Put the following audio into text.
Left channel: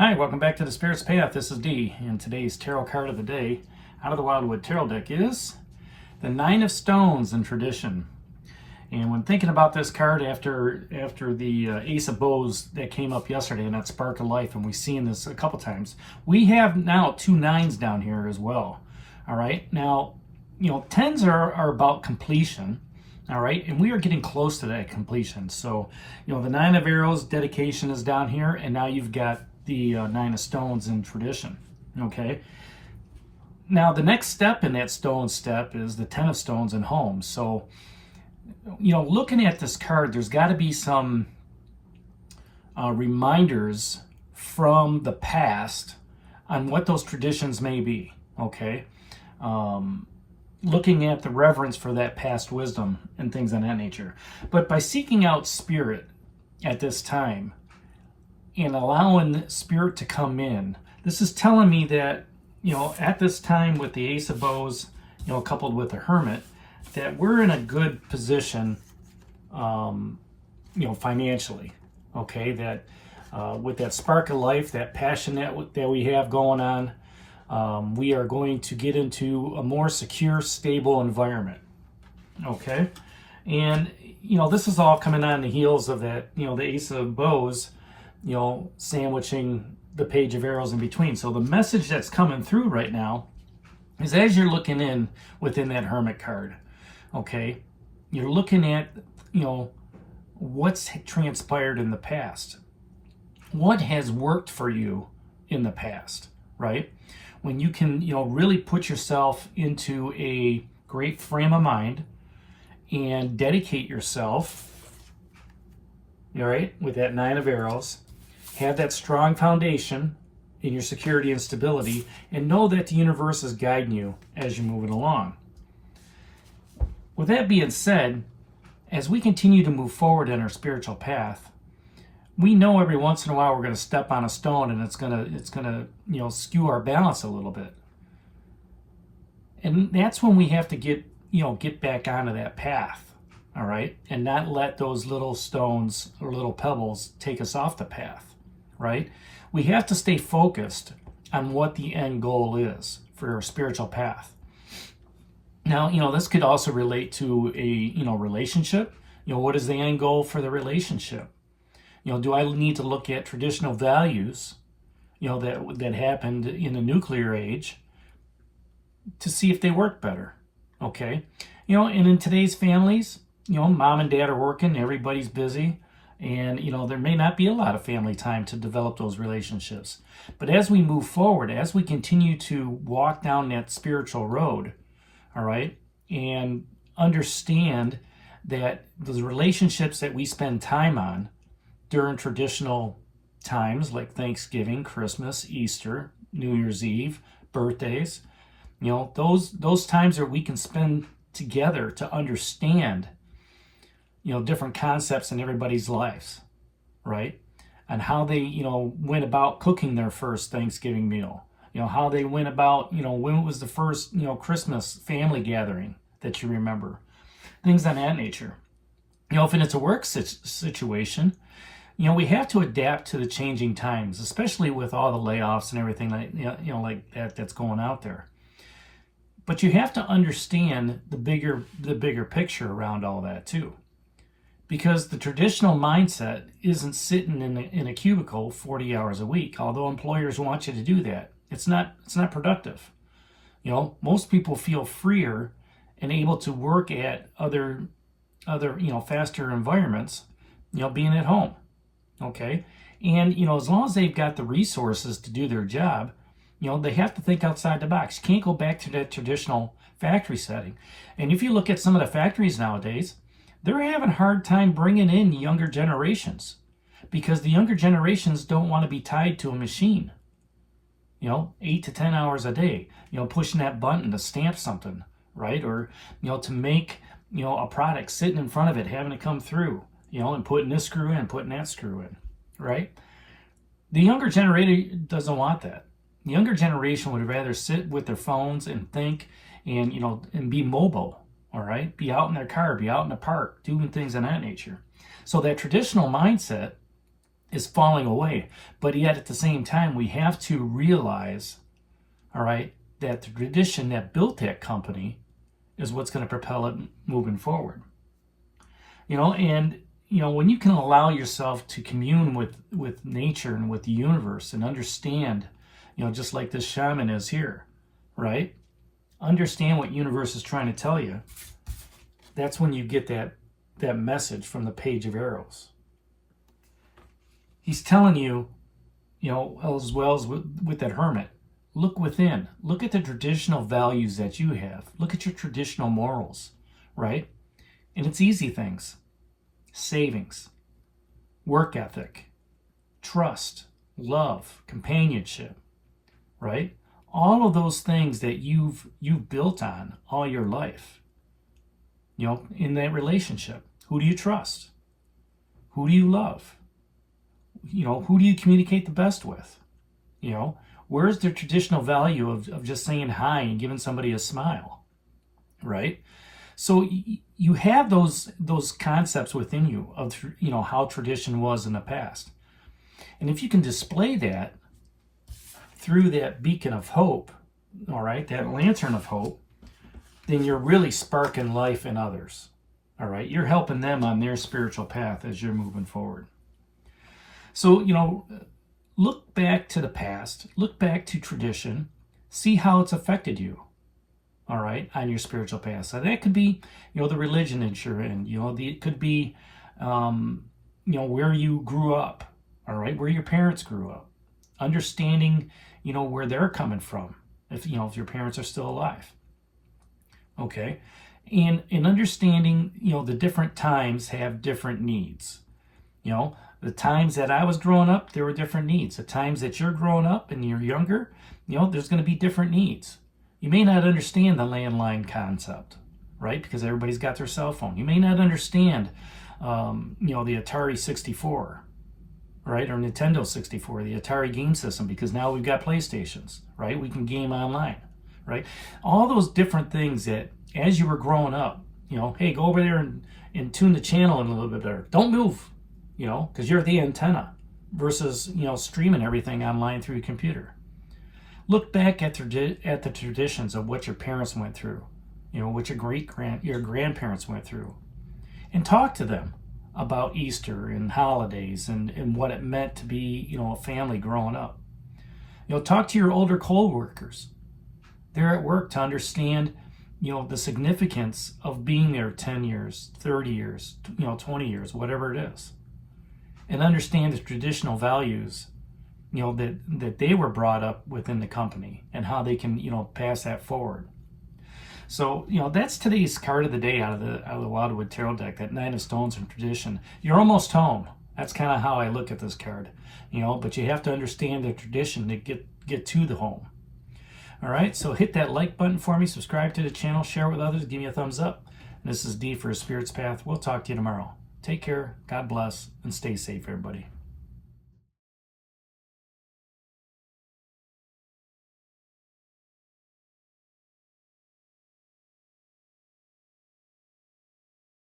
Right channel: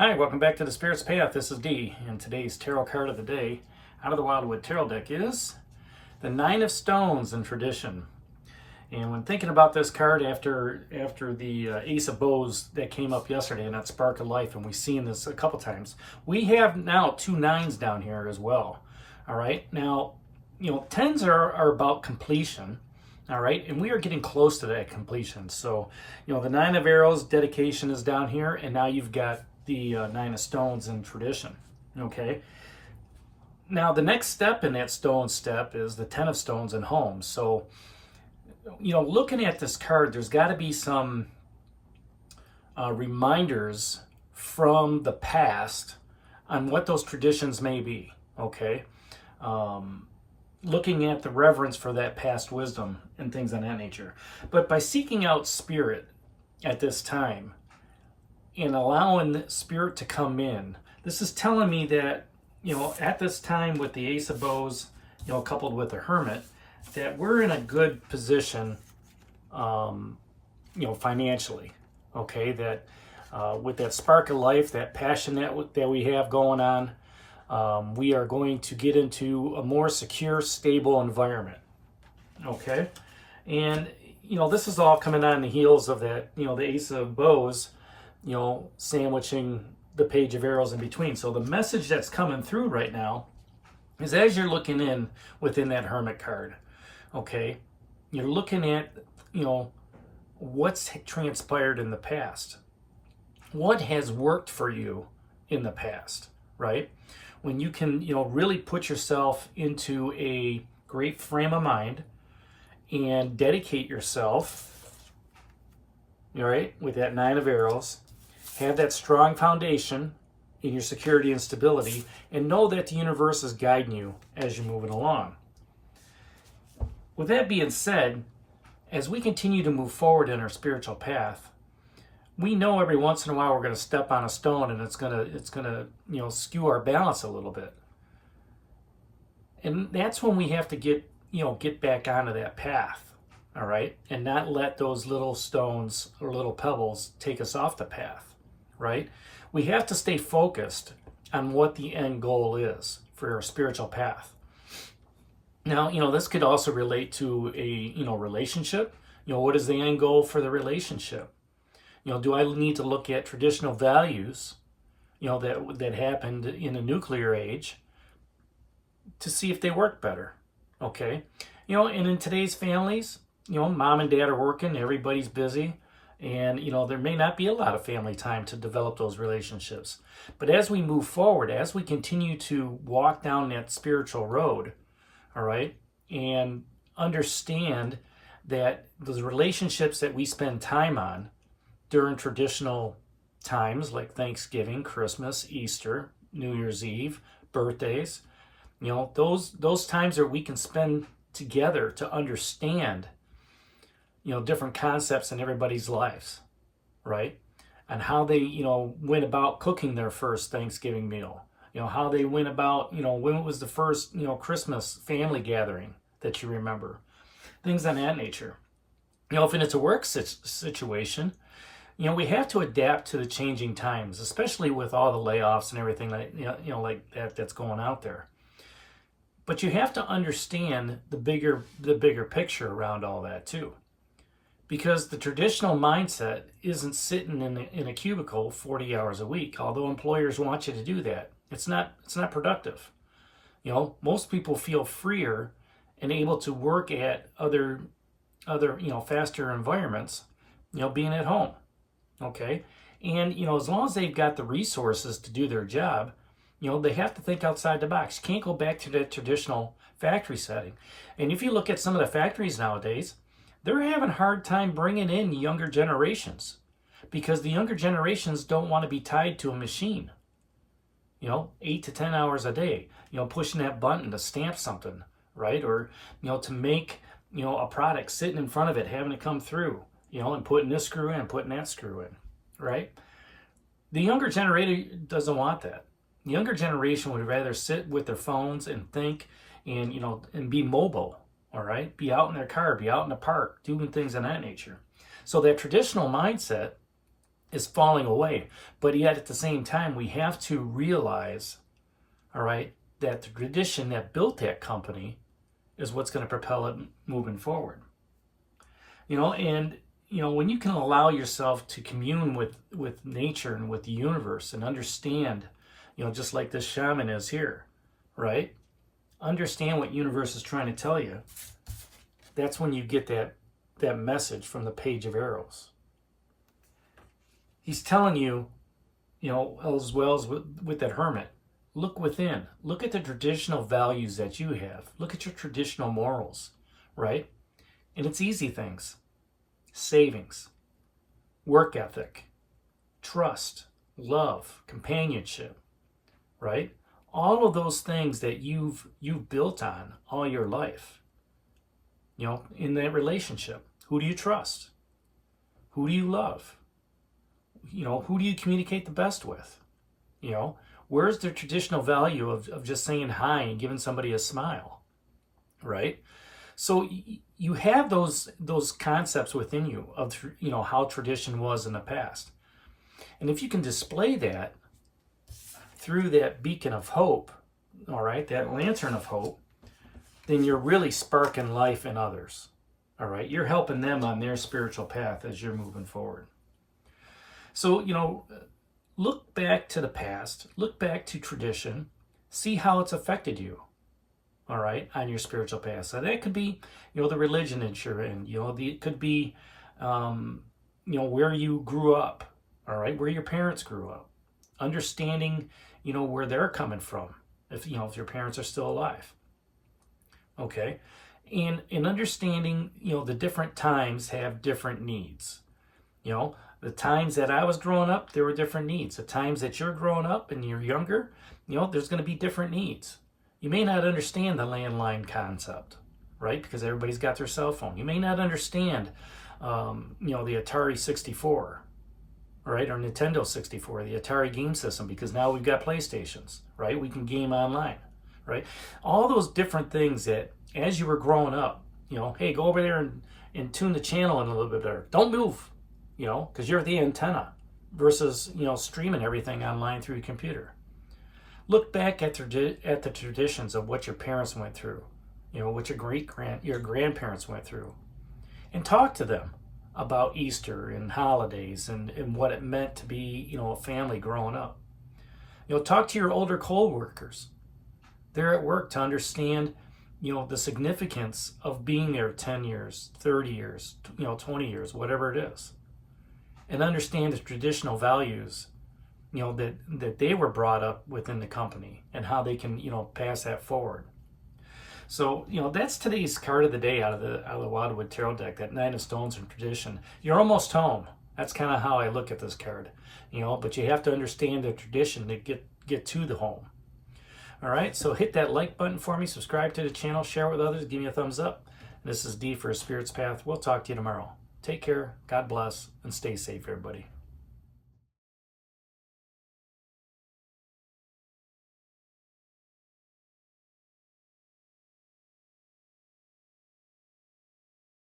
Hi, welcome back to the Spirit's Path. This is Dee, and today's tarot card of the day out of the Wildwood Tarot deck is the Nine of Stones in Tradition. And when thinking about this card after the Ace of Bows that came up yesterday and that Spark of Life, and we've seen this a couple times, we have now two nines down here as well. All right, now, tens are about completion. All right, and we are getting close to that completion. So, the Nine of Arrows, dedication, is down here, and now you've got the Nine of Stones in Tradition. Okay, now the next step in that stone step is the Ten of Stones in Home. So, looking at this card, there's got to be some reminders from the past on what those traditions may be. Okay, looking at the reverence for that past wisdom and things of that nature. But by seeking out spirit at this time and allowing the spirit to come in, this is telling me that, at this time with the Ace of Bows, coupled with the Hermit, that we're in a good position, financially. Okay, that with that spark of life, that passion that we have going on, we are going to get into a more secure, stable environment. Okay, and this is all coming on the heels of that, the Ace of Bows, sandwiching the Page of Arrows in between. So the message that's coming through right now is, as you're looking in within that Hermit card, okay, you're looking at, what's transpired in the past. What has worked for you in the past, right? When you can, really put yourself into a great frame of mind and dedicate yourself, all right, with that Nine of Arrows, have that strong foundation in your security and stability, and know that the universe is guiding you as you're moving along. With that being said, as we continue to move forward in our spiritual path, we know every once in a while we're going to step on a stone and it's gonna skew our balance a little bit. And that's when we have to get back onto that path, all right? And not let those little stones or little pebbles take us off the path, right? We have to stay focused on what the end goal is for our spiritual path. Now, this could also relate to a, relationship. What is the end goal for the relationship? Do I need to look at traditional values, that happened in the nuclear age to see if they work better? Okay. And in today's families, mom and dad are working, everybody's busy, and, there may not be a lot of family time to develop those relationships. But as we move forward, as we continue to walk down that spiritual road, all right, and understand that the relationships that we spend time on during traditional times like Thanksgiving, Christmas, Easter, New Year's Eve, birthdays, those times that we can spend together to understand, different concepts in everybody's lives, right? And how they, went about cooking their first Thanksgiving meal, how they went about, when was the first, Christmas family gathering that you remember, things of that nature. If it's a work situation, we have to adapt to the changing times, especially with all the layoffs and everything like that's going out there. But you have to understand the bigger picture around all that too, because the traditional mindset isn't sitting in a cubicle 40 hours a week. Although employers want you to do that, it's not productive. Most people feel freer and able to work at other faster environments, being at home. Okay, and as long as they've got the resources to do their job, they have to think outside the box. You can't go back to that traditional factory setting. And if you look at some of the factories nowadays, they're having a hard time bringing in younger generations because the younger generations don't want to be tied to a machine, 8 to 10 hours a day, pushing that button to stamp something, right? Or, to make, a product, sitting in front of it, having it come through, and putting this screw in, putting that screw in, right? The younger generation doesn't want that. The younger generation would rather sit with their phones and think and, and be mobile, all right? Be out in their car, be out in the park, doing things of that nature. So that traditional mindset is falling away. But yet at the same time, we have to realize, all right, that the tradition that built that company is what's going to propel it moving forward. And when you can allow yourself to commune with nature and with the universe and understand, just like this shaman is here, right? Understand what universe is trying to tell you. That's when you get that message from the Page of Arrows. He's telling you, as well as with that hermit, look within. Look at the traditional values that you have. Look at your traditional morals, right? And it's easy things. Savings, work ethic, trust, love, companionship, right? All of those things that you've built on all your life. In that relationship, who do you trust? Who do you love? Who do you communicate the best with? Where's the traditional value of just saying hi and giving somebody a smile, right? So you have those concepts within you of how tradition was in the past. And if you can display that through that beacon of hope, all right, that lantern of hope, then you're really sparking life in others. All right, you're helping them on their spiritual path as you're moving forward. So, look back to the past, look back to tradition, see how it's affected you, all right, on your spiritual path. So that could be, the religion that you're in, it could be, where you grew up, all right, where your parents grew up, understanding, where they're coming from, if your parents are still alive, okay, and understanding, the different times have different needs, The times that I was growing up, there were different needs. The times that you're growing up and you're younger, there's going to be different needs. You may not understand the landline concept, right? Because everybody's got their cell phone. You may not understand, the Atari 64, right? Or Nintendo 64, the Atari game system, because now we've got PlayStations, right? We can game online, right? All those different things that as you were growing up, hey, go over there and tune the channel in a little bit better. Don't move. Because you're the antenna versus, streaming everything online through your computer. Look back at the traditions of what your parents went through, what your grandparents went through, and talk to them about Easter and holidays and what it meant to be, a family growing up. Talk to your older co-workers. They're at work to understand, the significance of being there 10 years, 30 years, 20 years, whatever it is. And understand the traditional values, that they were brought up within the company and how they can, pass that forward. So, that's today's card of the day out of the Wildwood Tarot deck, that Nine of Stones and Tradition. You're almost home. That's kind of how I look at this card, but you have to understand the tradition to get to the home. All right, so hit that like button for me, subscribe to the channel, share with others, give me a thumbs up. And this is D for a Spirit's Path. We'll talk to you tomorrow. Take care, God bless, and stay safe, everybody.